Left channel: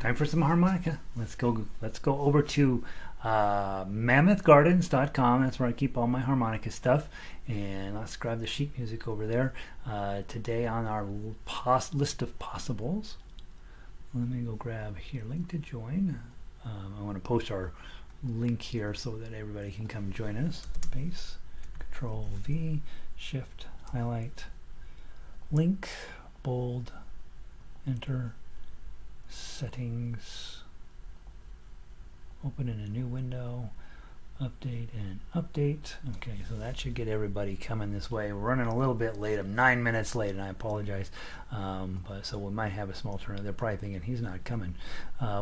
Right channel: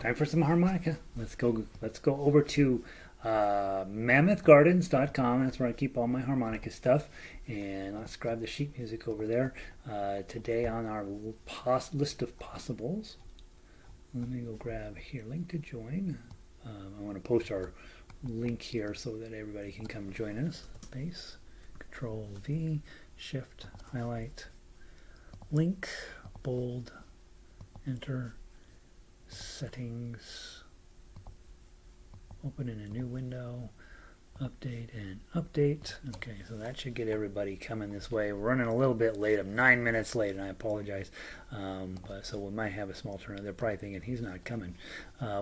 Time for some harmonica. Let's go over to mammothgardens.com. That's where I keep all my harmonica stuff. And let's grab the sheet music over there. Today on our list of possibles, let me go grab here, link to join. I want to post our link here so that everybody can come join us. Space, Control V, Shift, highlight, link, bold, enter, settings, open in a new window, update and update. Okay, so that should get everybody coming this way. We're running a little bit late. I'm 9 minutes late, and I apologize. But so we might have a small turnout. They're probably thinking he's not coming,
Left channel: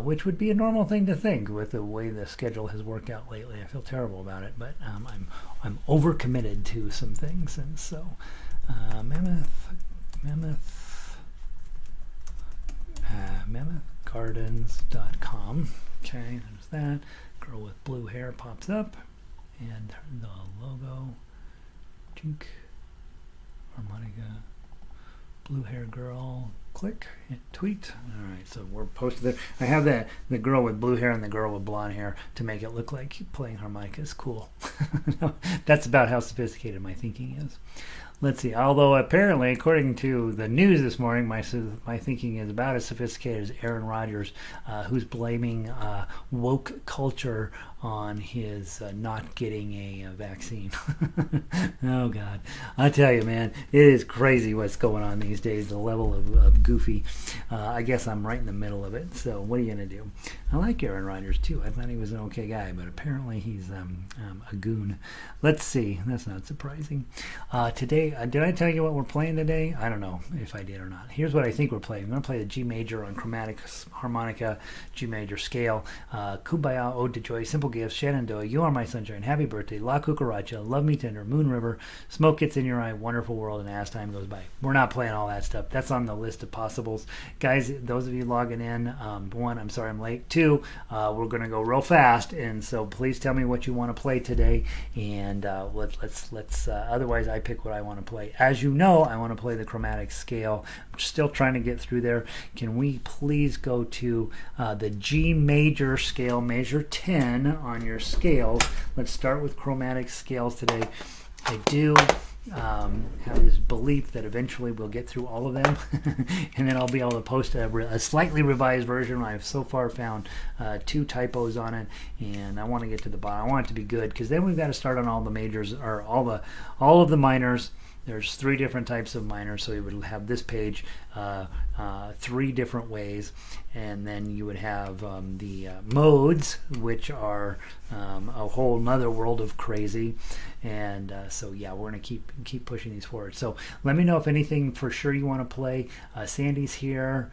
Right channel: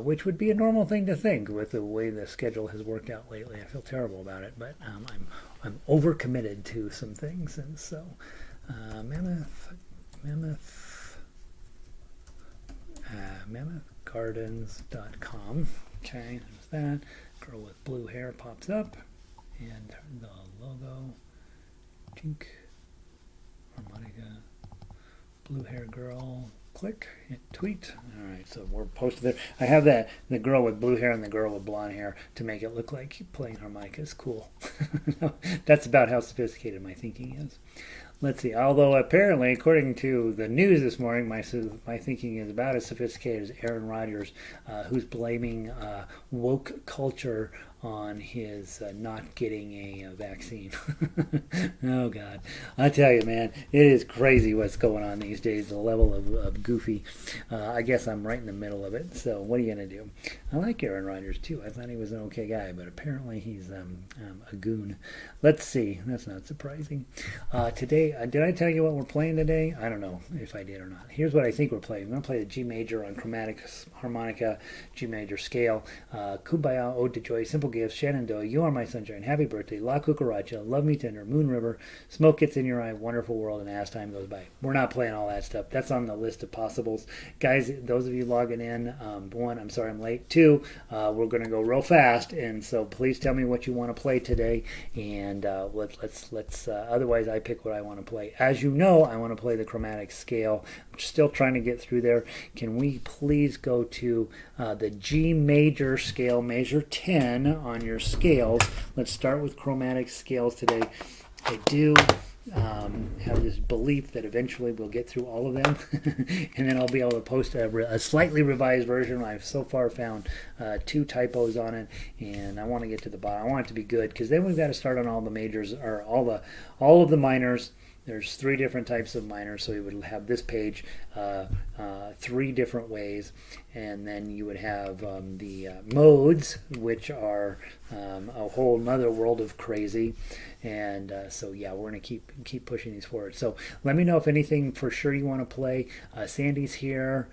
which would be a normal thing to think with the way the schedule has worked out lately. I feel terrible about it, but I'm overcommitted to some things, and so mammothgardens.com. Okay, there's that. Girl with blue hair pops up, and the logo. Tink. Harmonica. Blue hair girl. Click. Hit tweet. All right, so we're posted there. I have the girl with blue hair and the girl with blonde hair to make it look like playing harmonica is cool. That's about how sophisticated my thinking is. Let's see. Although apparently, according to the news this morning, my thinking is about as sophisticated as Aaron Rodgers, who's blaming woke culture on his not getting a vaccine. Oh God, I tell you, man, it is crazy what's going on these days. The level of goofy. I guess I'm right in the middle of it. So what are you gonna do? I like Aaron Rodgers too. I thought he was an okay guy, but apparently he's a goon. Let's see. That's not surprising. Today, did I tell you what we're playing today? I don't know if I did or not. Here's what I think we're playing. I'm going to play a G major on chromatic harmonica, G major scale, Kumbaya, Ode to Joy, Simple Gifts, Shenandoah, You Are My Sunshine, Happy Birthday, La Cucaracha, Love Me Tender, Moon River, Smoke Gets in Your Eye, Wonderful World, and As Time Goes By. We're not playing all that stuff. That's on the list of possibles. Guys, those of you logging in, one, I'm sorry I'm late. Two, we're going to go real fast, and so please tell me what you want to play today, and let's otherwise I pick what I want to play. As you know, I want to play the chromatic scale. I'm still trying to get through there. Can we please go to the G major scale, measure 10 on your scales? Let's start with chromatic scales today. I do have this belief that eventually we'll get through all of them and then I'll be able to post a slightly revised version. I've so far found 2 typos on it, and I want to get to the bottom. I want it to be good, because then we've got to start on all the majors, or all of the minors. There's 3 different types of minors, so you would have this page 3 different ways, and then you would have the modes, which are a whole nother world of crazy. And so yeah, we're gonna keep pushing these forward. So let me know if anything for sure you want to play. Sandy's here.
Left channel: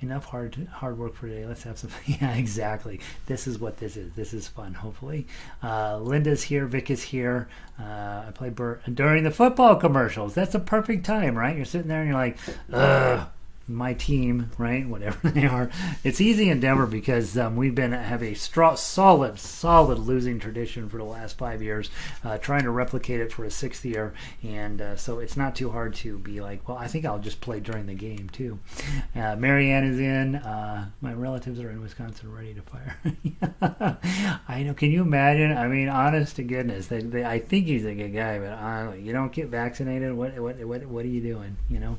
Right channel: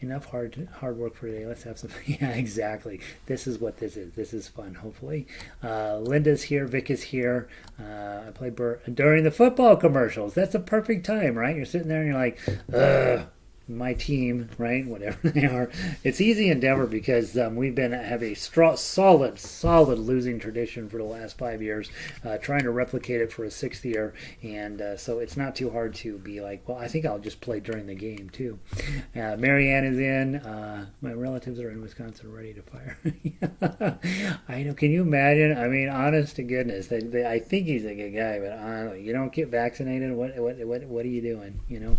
Enough hard work for today. Let's have some. Yeah, exactly. This is what this is. This is fun. Hopefully, Linda's here. Vic is here. I play during the football commercials. That's a perfect time, right? You're sitting there and you're like, ugh. My team, right? Whatever they are. It's easy in Denver because we've have a solid losing tradition for the last 5 years, trying to replicate it for a 6th year, and so it's not too hard to be like, well, I think I'll just play during the game too. Marianne is in. My relatives are in Wisconsin, ready to fire. I know. Can you imagine? I mean, honest to goodness, I think he's a good guy, but you don't get vaccinated. What are you doing? You know.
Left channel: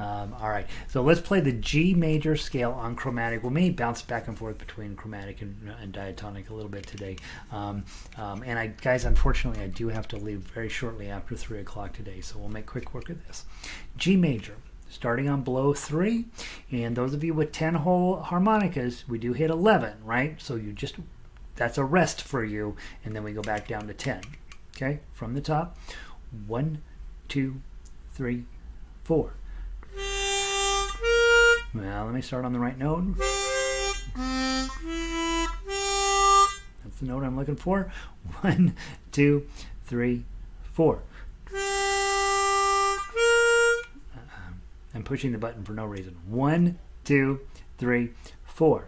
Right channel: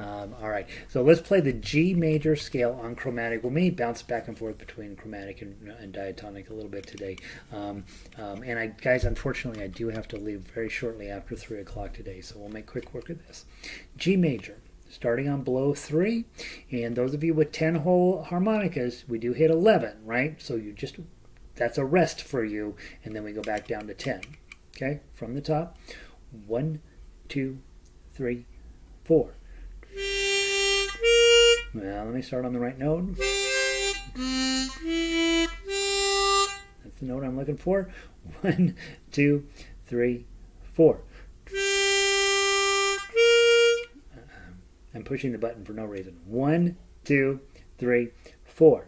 All right. So let's play the G major scale on chromatic. We'll maybe bounce back and forth between chromatic and diatonic a little bit today. And guys, unfortunately, I do have to leave very shortly after 3 o'clock today, so we'll make quick work of this. G major, starting on below 3. And those of you with 10-hole harmonicas, we do hit 11, right? So that's a rest for you, and then we go back down to 10. Okay, from the top. 1, 2, 3, 4. Well, let me start on the right note. That's the note I'm looking for. 1, 2, 3, 4. I'm pushing the button for no reason. 1, 2, 3, 4.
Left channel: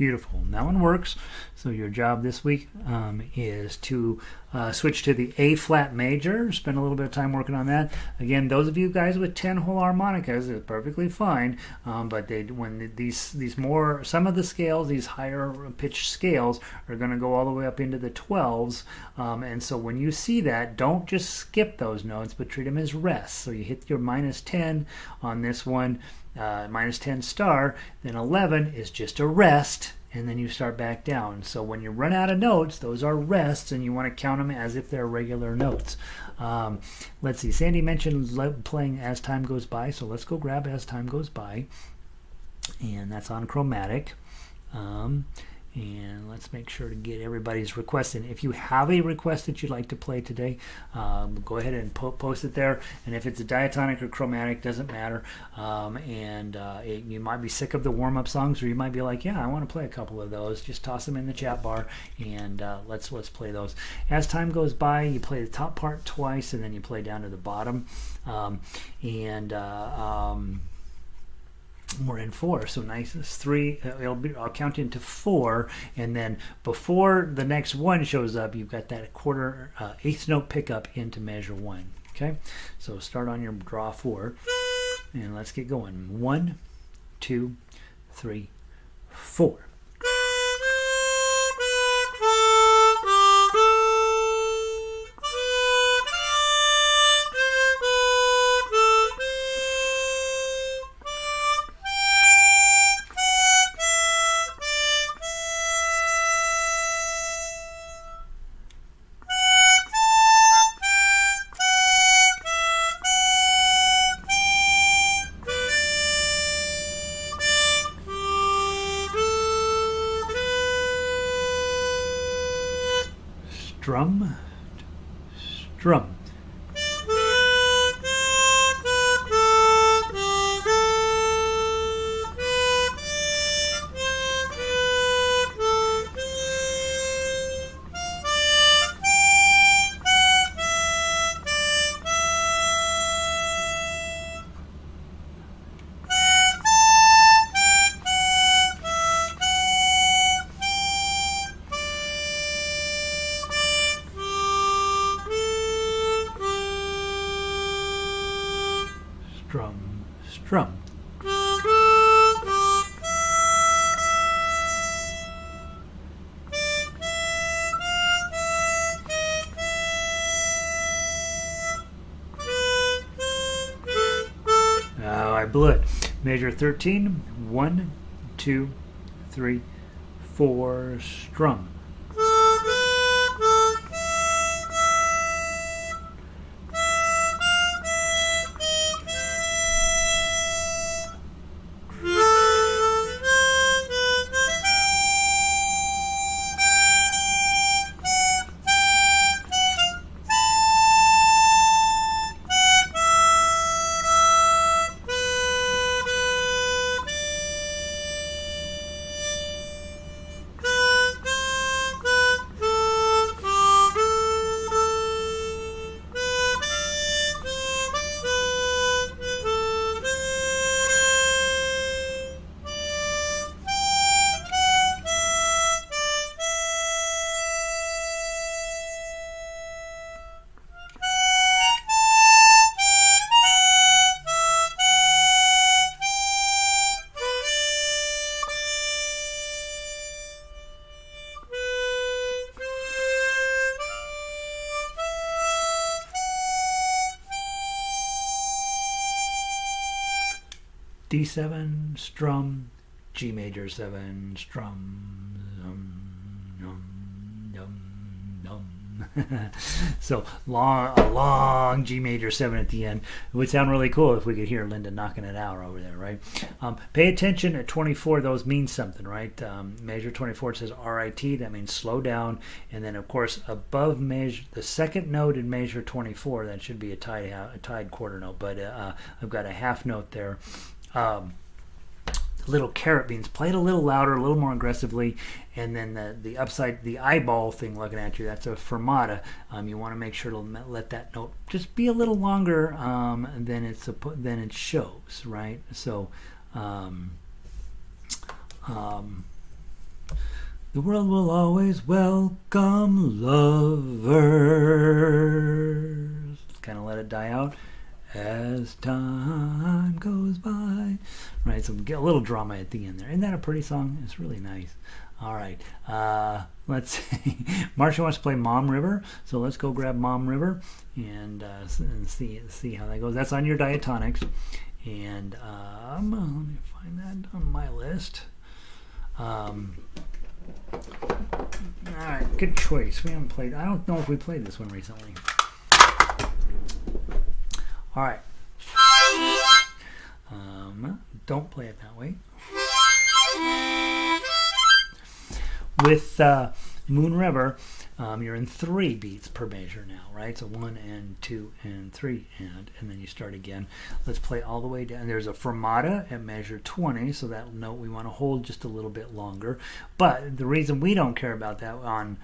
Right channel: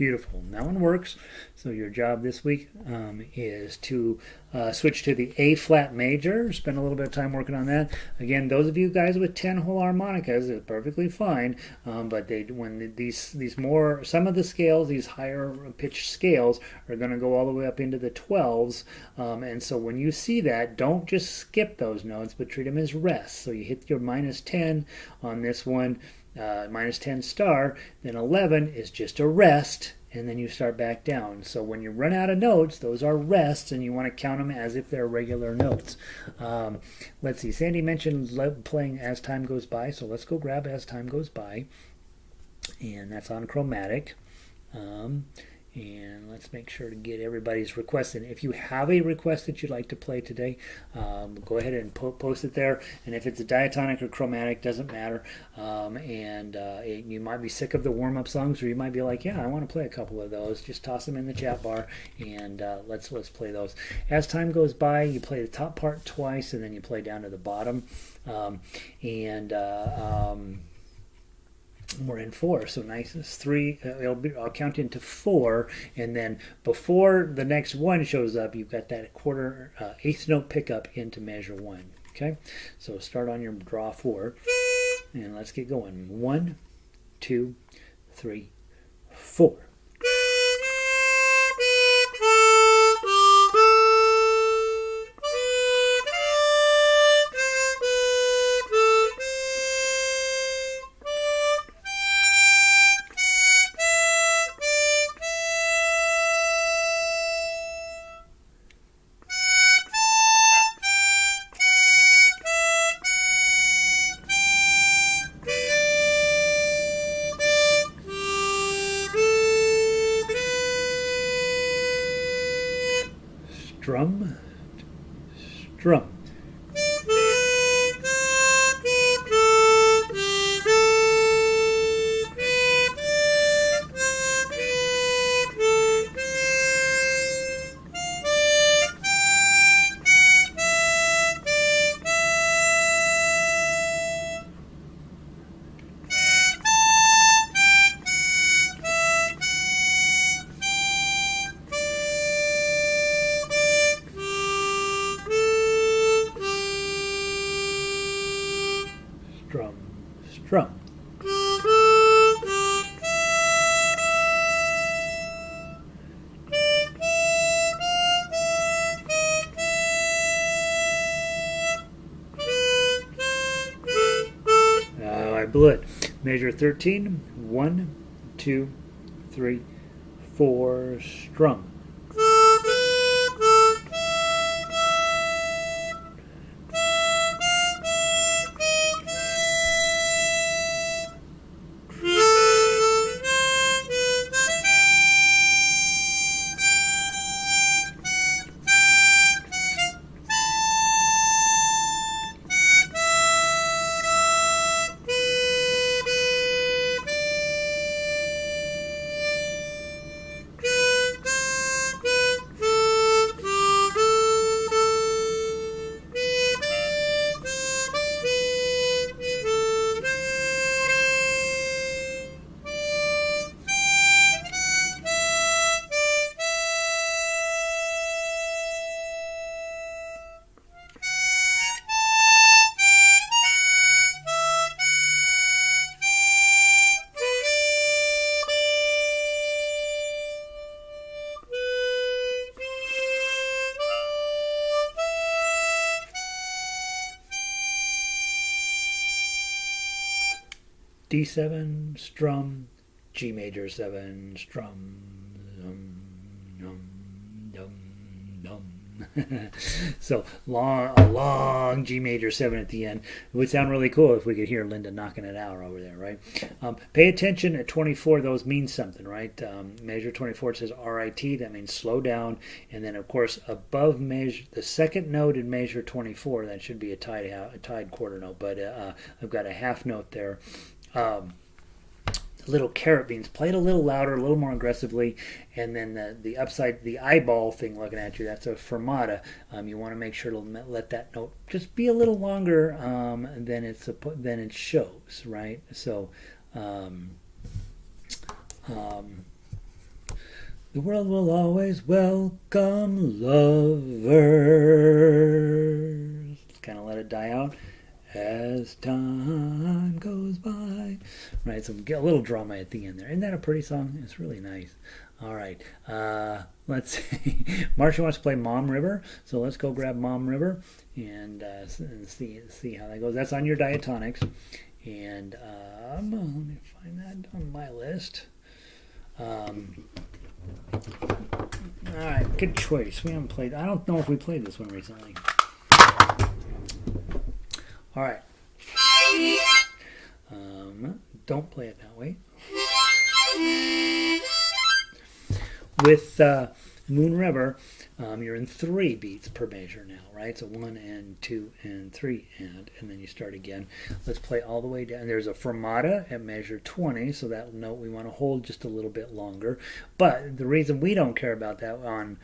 Beautiful. That one works. So your job this week is to switch to the A flat major. Spend a little bit of time working on that. Again, those of you guys with 10-hole harmonicas is perfectly fine. But some of the scales, these higher pitched scales, are going to go all the way up into the 12s. And so when you see that, don't just skip those notes, but treat them as rests. So you hit your -10 on this one. -10 star, then 11 is just a rest, and then you start back down. So when you run out of notes, those are rests, and you want to count them as if they're regular notes. Let's see, Sandy mentioned playing As Time Goes By, so let's go grab As Time Goes By, and that's on Chromatic. And let's make sure to get everybody's request in. If you have a request that you'd like to play today, go ahead and post it there. And if it's a diatonic or chromatic, doesn't matter. You might be sick of the warm-up songs, or you might be like, yeah, I want to play a couple of those. Just toss them in the chat bar, and let's play those. As Time Goes By, you play the top part twice, and then you play down to the bottom. We're in 4, so nice. It's 3. I'll count into 4, and then before the next one shows up, you've got that eighth note pickup into measure 1. Okay, so start on your draw 4, and let's get going. 1, 2, 3, 4. Strum, strum. Strum, strum. Oh, I blew it. Measure 13. 1, 2, 3, 4. Strum. D7, strum, G major 7, strum, so a long G major 7 at the end. It would sound really cool if we could hear Linda knocking it out over there, right? Pay attention at 24. Those mean something, right? Measure 24, it says RIT. That means slow down. And then, of course, above measure, the second note in measure 24, that should be a tied quarter note. But I've got a half note there. Little carrot beans, play it a little louder, a little more aggressively, and then the upside, the eyeball thing looking at you, that's a fermata. You want to make sure to let that note just be a little longer than it shows, right? So The world will always welcome lovers. Kind of let it die out as time goes by. Right, so get a little drama at the end there. Isn't that a pretty song? It's really nice. All right, let's see. Marcia wants to play Mom River, so let's go grab Mom River and see how that goes. That's on your diatonics, and let me find that on my list. All right, good choice. We haven't played. I don't know if we played this one recently. All right. Don't play it that way. With Moon River, you're in 3 beats per measure now, right? So 1 and 2 and 3 and then you start again. Let's play all the way down. There's a fermata at measure 20, so that note we want to hold just a little bit longer. But the reason we don't care about that on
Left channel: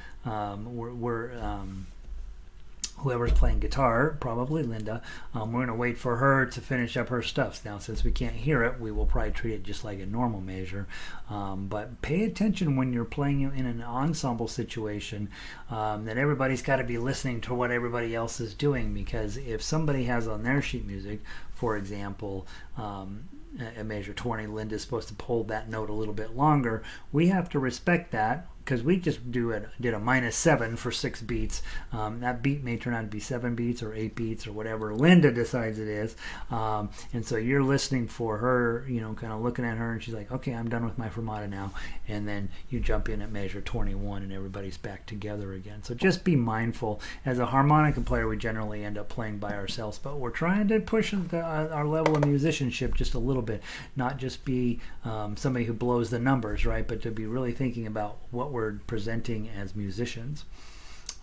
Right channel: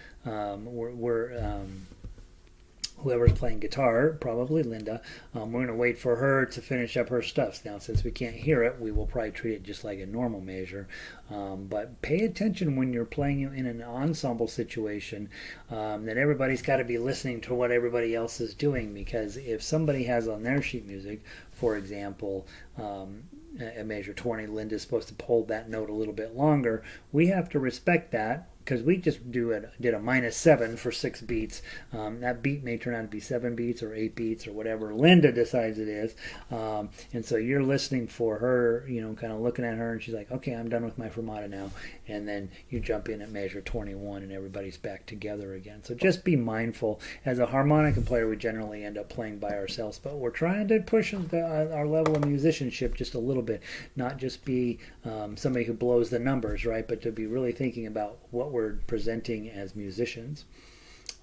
whoever's playing guitar, probably Linda, we're going to wait for her to finish up her stuff. Now, since we can't hear it, we will probably treat it just like a normal measure. But pay attention when you're playing in an ensemble situation, that everybody's got to be listening to what everybody else is doing, because if somebody has on their sheet music, for example, at measure 20, Linda's supposed to hold that note a little bit longer, we have to respect that, because we just did a -7 for 6 beats. That beat may turn out to be 7 beats or 8 beats or whatever Linda decides it is. And so you're listening for her, kind of looking at her, and she's like, okay, I'm done with my fermata now. And then you jump in at measure 21 and everybody's back together again. So just be mindful. As a harmonica player, we generally end up playing by ourselves, but we're trying to push our level of musicianship just a little bit, not just be somebody who blows the numbers, right? But to be really thinking about what we're presenting as musicians.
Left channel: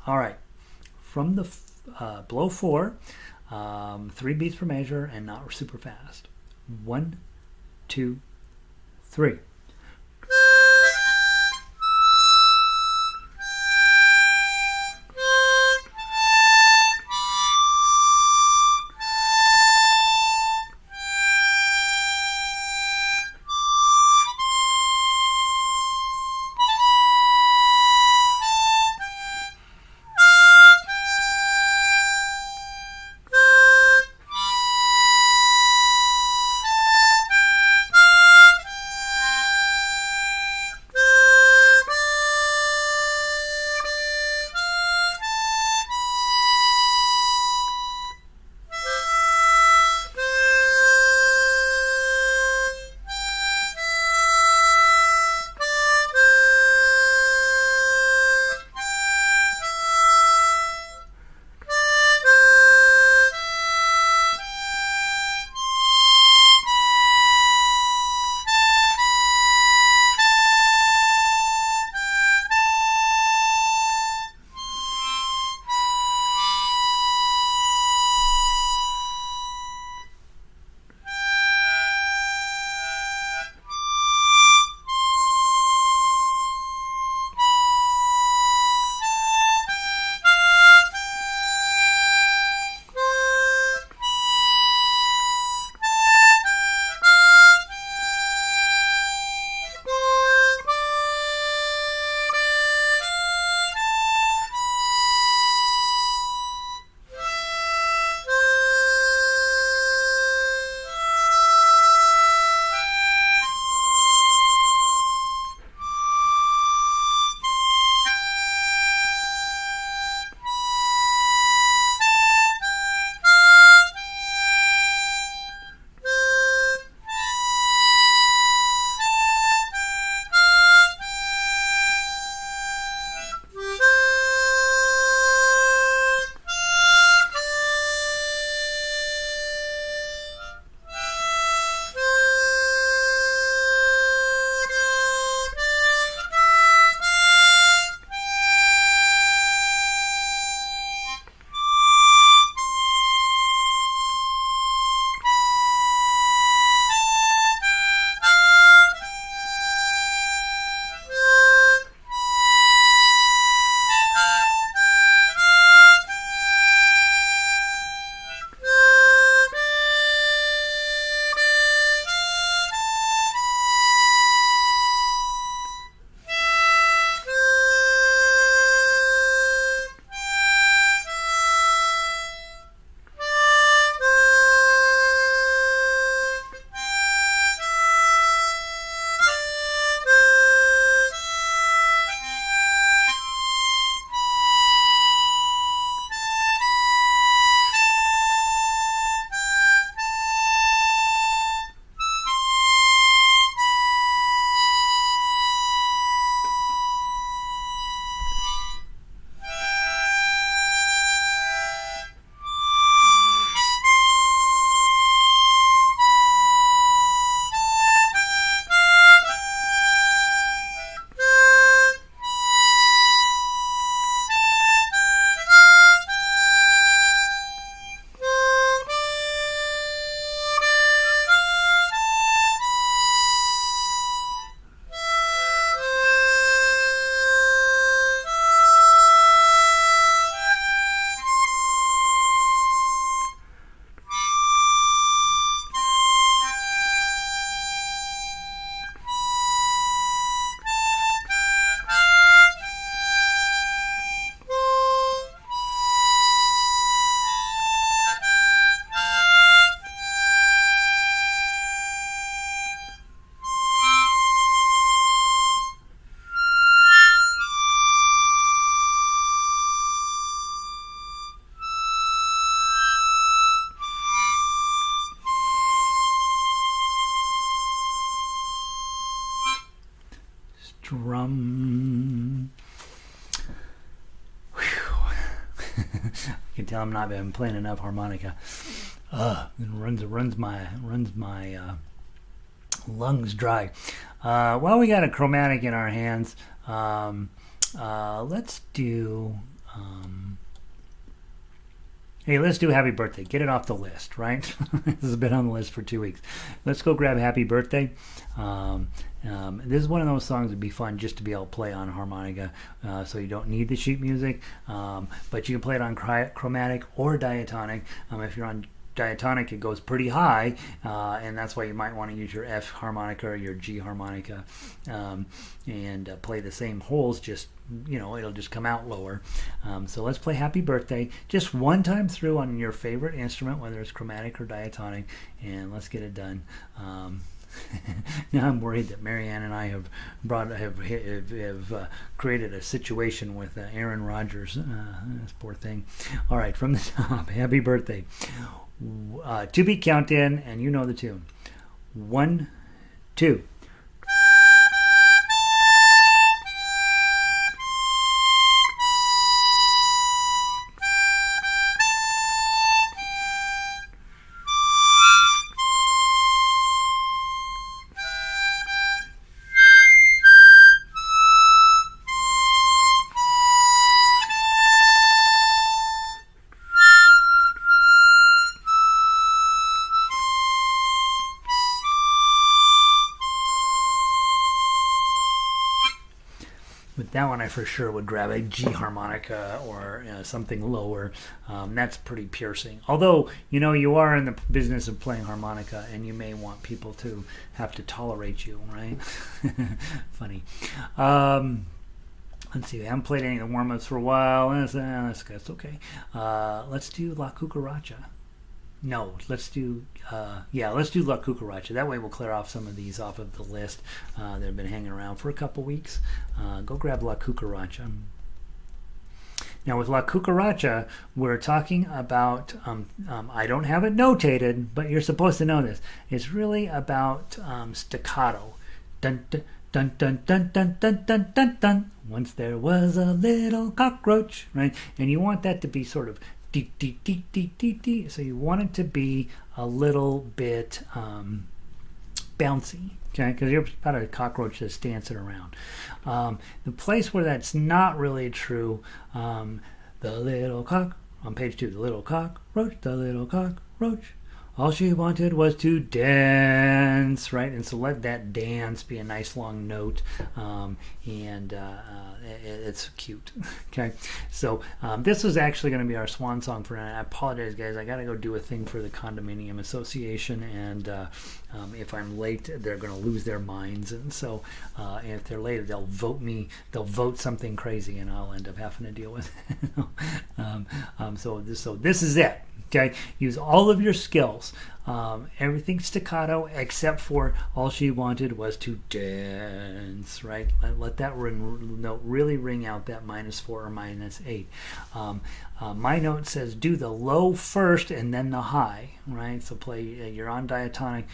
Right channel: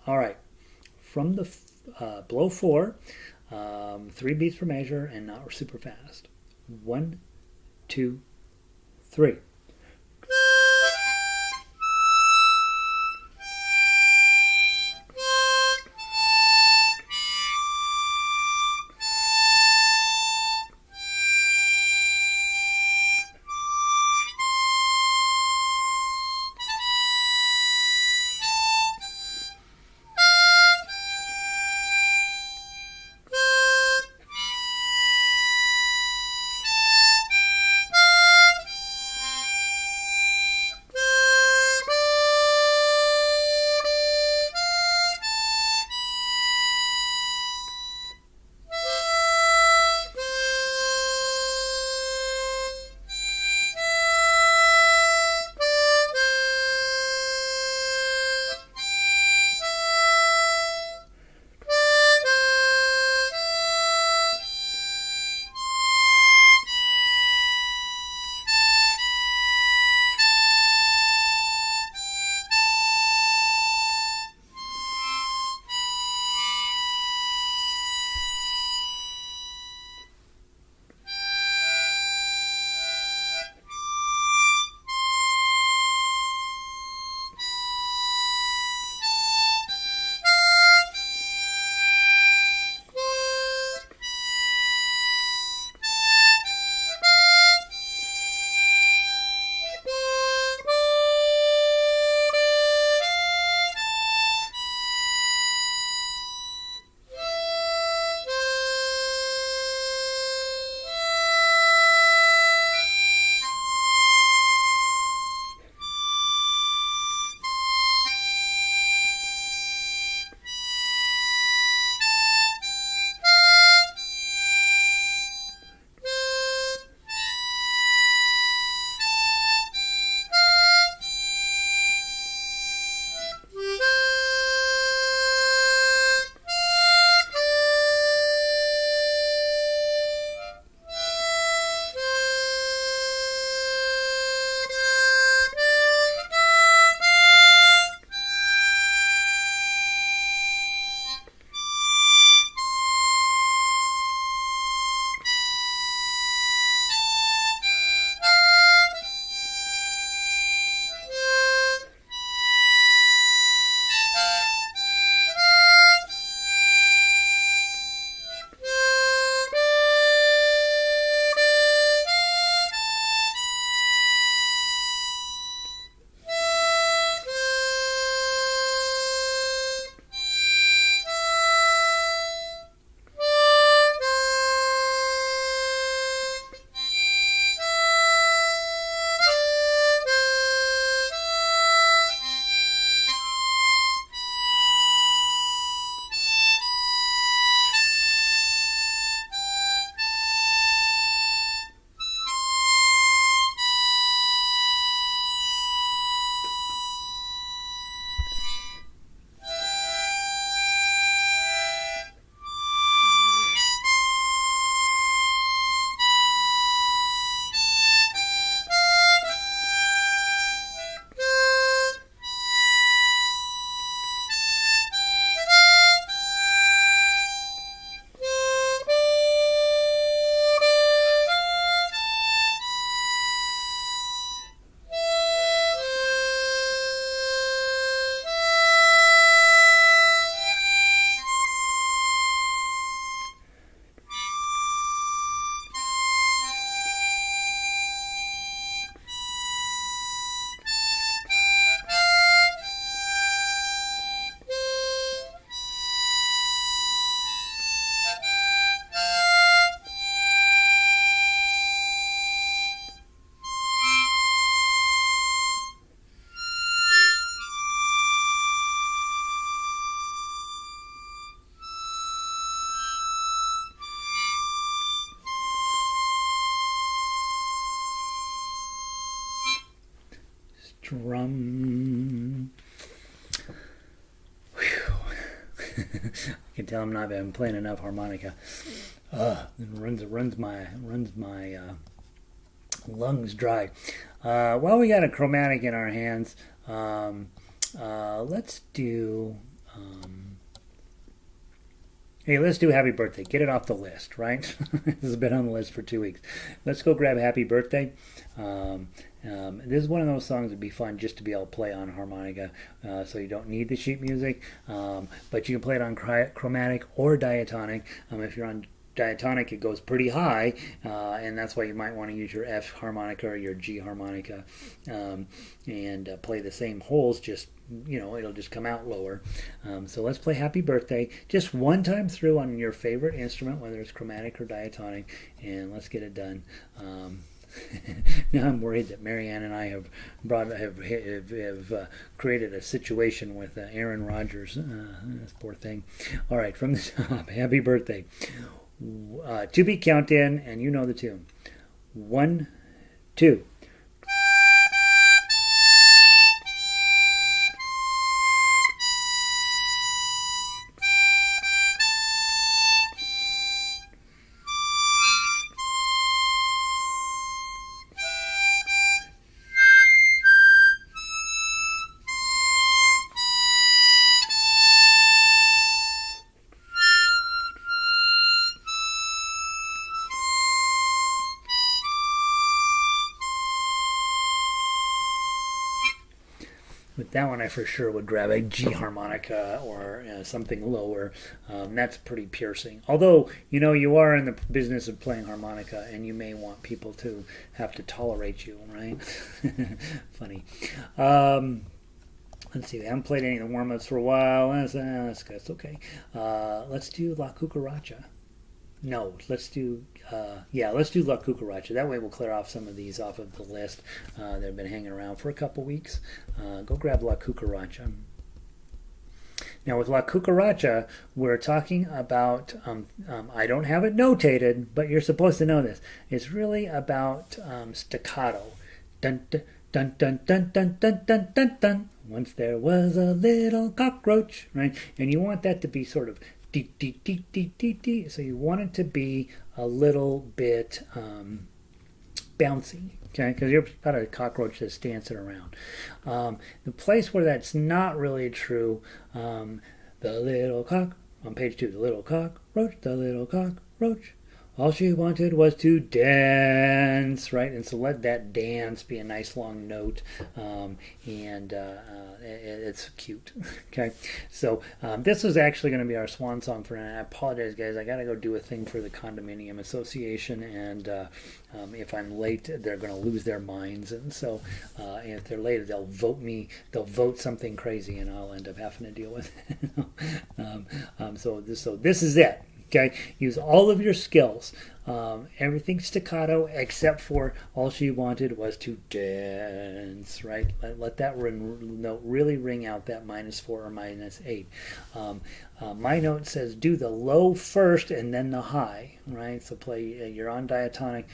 All right, from the below 4, 3 beats per measure and not super fast. 1, 2, 3. Drum. I can tell I'm not been playing enough harmonica. It runs my lungs dry. Well, we got a chromatic in our hands. Let's do. Hey, let's do Happy Birthday. Get it off the list, right? This has been on the list for 2 weeks. Let's go grab Happy Birthday. This is one of those songs that'd be fun just to be able to play on harmonica, so you don't need the sheet music, but you can play it on chromatic or diatonic. If you're on diatonic, it goes pretty high, and that's why you might want to use your F harmonica or your G harmonica, and play the same holes, just, it'll just come out lower. So let's play Happy Birthday just one time through on your favorite instrument, whether it's chromatic or diatonic, and let's get it done. Now I'm worried that Marianne and I have created a situation with Aaron Rodgers. This poor thing. All right, from the top, Happy Birthday. 2-beat count in, and you know the tune. 1, 2. With that one, I for sure would grab a G harmonica or something lower. That's pretty piercing. Although, you are in the business of playing harmonica, and you may want people to have to tolerate you, right? Funny. Let's see. I haven't played any of the warm-ups for a while. That's okay. Let's do La Cucaracha. No, let's do La Cucaracha. That way we'll clear off some of these off of the list that have been hanging around for a couple weeks. Go grab La Cucaracha. Now with La Cucaracha, we're talking about, I don't have it notated, but you're supposed to know this. It's really about staccato. Dun, dun, dun, dun, dun, dun, dun, dun, dun, dun. Once there was a little cockroach, right? And you want that to be sort of dee, dee, dee, dee, dee, dee. So you want it to be a little bit bouncy, okay? Because you're about a cockroach that's dancing around. The place where that's not really true, the little cock, on page 2, the little cockroach, all she wanted was to dance, right? And so let that dance be a nice long note, and it's cute, okay? So this is actually going to be our swan song for tonight. I apologize, guys. I got to go do a thing for the Condominium Association, and if I'm late, they're going to lose their minds. And so if they're late, they'll vote something crazy, and I'll end up having to deal with it. So this is it. Okay, use all of your skills. Everything staccato except for all she wanted was to dance, right? Let that note really ring out, that -4 or -8. My note says do the low first and then the high, right? So play, you're on diatonic,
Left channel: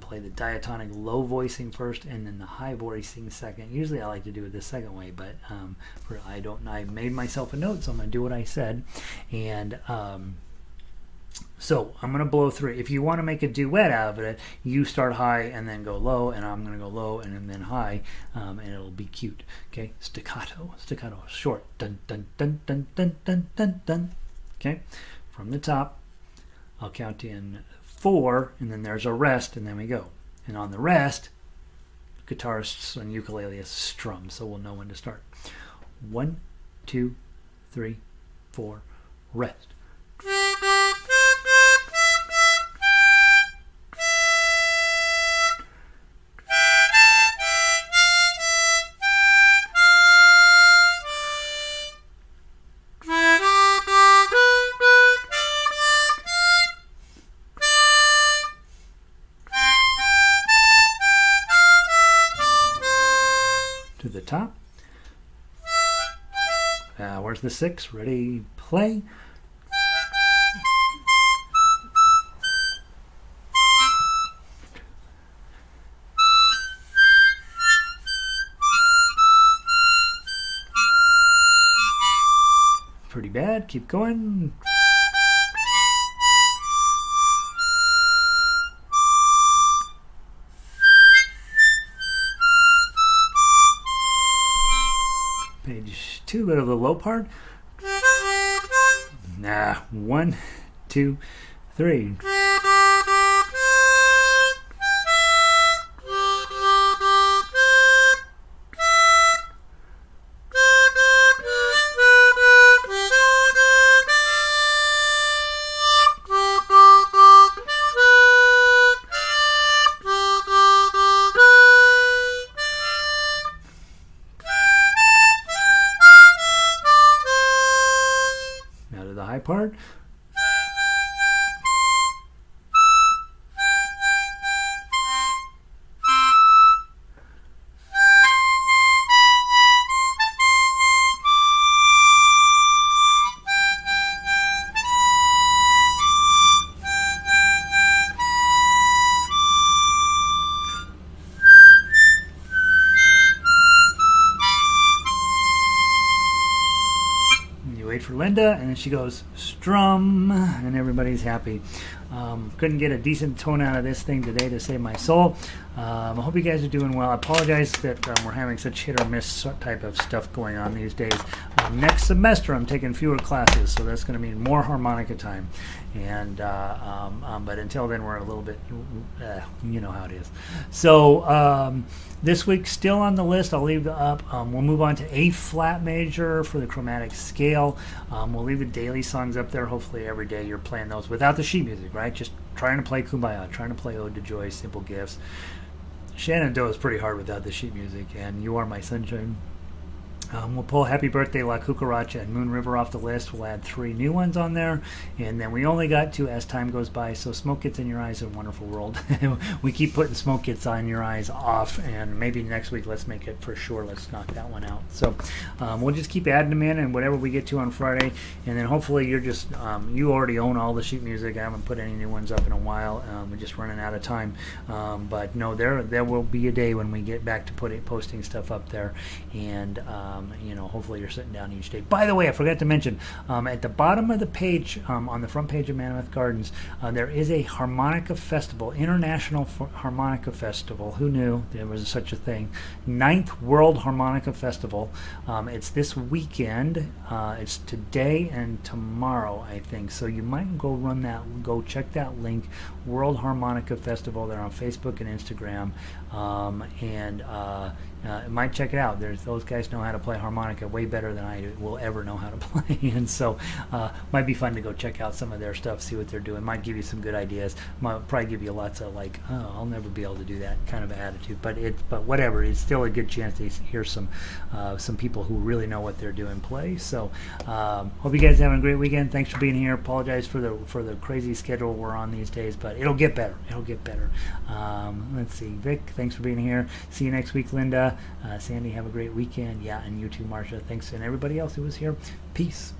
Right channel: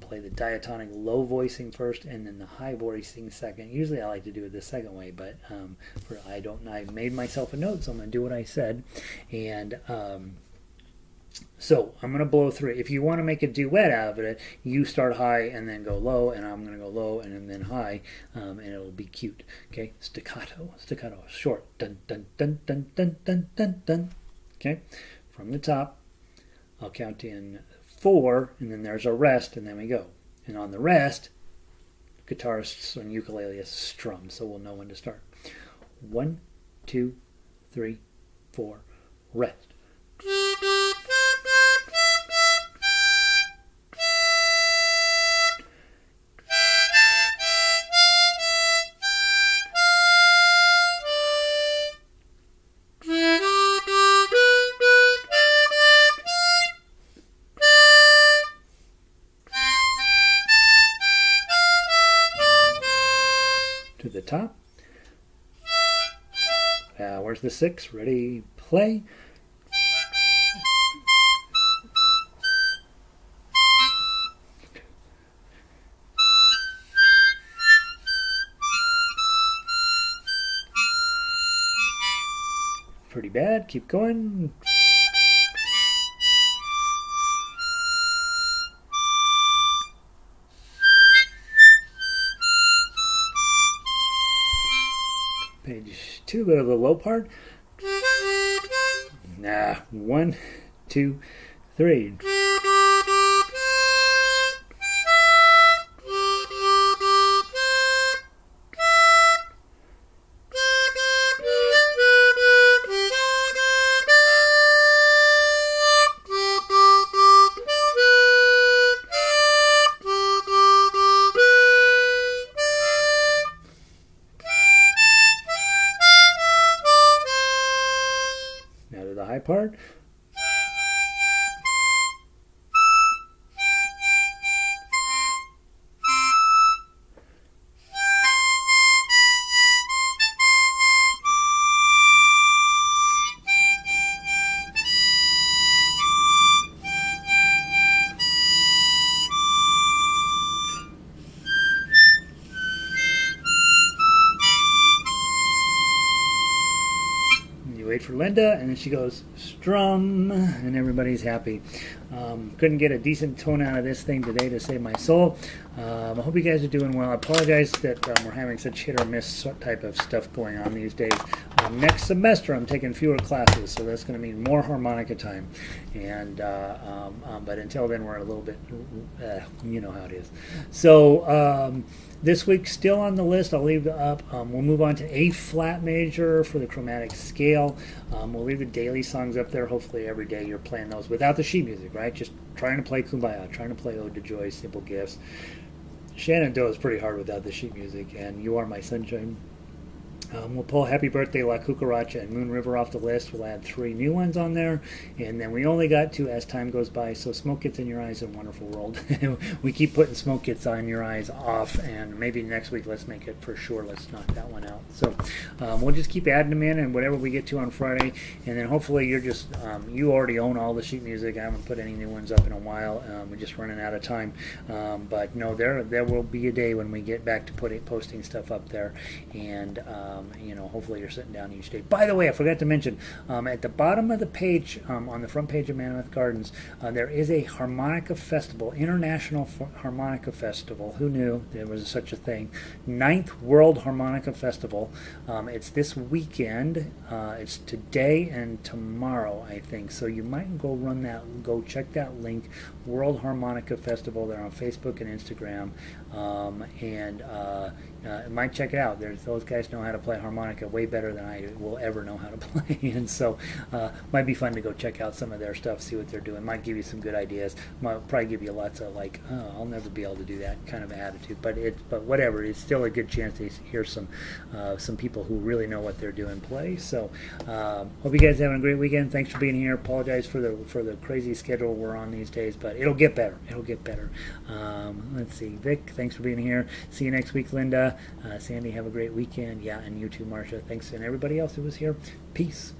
play the diatonic low voicing first and then the high voicing second. Usually I like to do it the second way, but I made myself a note, so I'm going to do what I said. And so I'm going to blow through it. If you want to make a duet out of it, you start high and then go low, and I'm going to go low and then high, and it'll be cute. Okay, staccato, short, dun dun dun dun dun dun dun dun. Okay, from the top, I'll count in 4, and then there's a rest, and then we go. And on the rest, guitarists on ukulele strum, so we'll know when to start. 1, 2, 3, 4, rest. To the top. Where's the 6? Ready, play. that. Keep going. Page 2, go to the low part. Nah, 1, 2, 3. Now to the high part. Wait for Linda, and then she goes strum, and everybody's happy. Couldn't get a decent tone out of this thing today to save my soul. I hope you guys are doing well. I apologize that we're having such hit or miss type of stuff going on these days. Next semester I'm taking fewer classes, so that's going to mean more harmonica time. And but until then, we're a little bit, you know how it is. So this week, still on the list, I'll leave up. We'll move on to A flat major for the chromatic scale. We'll leave the daily songs up there. Hopefully every day you're playing those without the sheet music, right? Just trying to play Kumbaya, trying to play Ode to Joy, Simple Gifts. Shenandoah is pretty hard without the sheet music, and You Are My Sunshine. We'll pull Happy Birthday, La Cucaracha, and Moon River off the list. We'll add 3 new ones on there. And then we only got 2 as time goes by. So Smoke Gets in Your Eyes, A Wonderful World. We keep putting Smoke Gets on Your Eyes off. And maybe next week, let's make it for sure. Let's knock that one out. So we'll just keep adding them in and whatever we get to on Friday. And then hopefully you're just, you already own all the sheet music. I haven't put any new ones up in a while. We're just running out of time. But no, there will be a day when we get back to posting stuff up there. And you know, hopefully you're sitting down each day. By the way, I forgot to mention, at the bottom of the page, on the front page of Mammoth Gardens, there is a Harmonica Festival, International Harmonica Festival. Who knew there was such a thing? 9th World Harmonica Festival. It's this weekend. It's today and tomorrow, I think. So you might go check that link, World Harmonica Festival. They're on Facebook and Instagram. Might check it out. Those guys know how to play harmonica way better than I will ever know how to play, and so might be fun to go check out some of their stuff, see what they're doing. Might give you some good ideas. Might probably give you lots of like, oh, I'll never be able to do that kind of attitude. But whatever, it's still a good chance to hear some people who really know what they're doing play. So hope you guys are having a great weekend. Thanks for being here. Apologize for the crazy schedule we're on these days, but it'll get better. It'll get better. Let's see, Vic, thanks for being here. See you next week, Linda. Sandy, have a great weekend. Yeah, and you too, Marcia. Thanks, and everybody else who was here. Peace.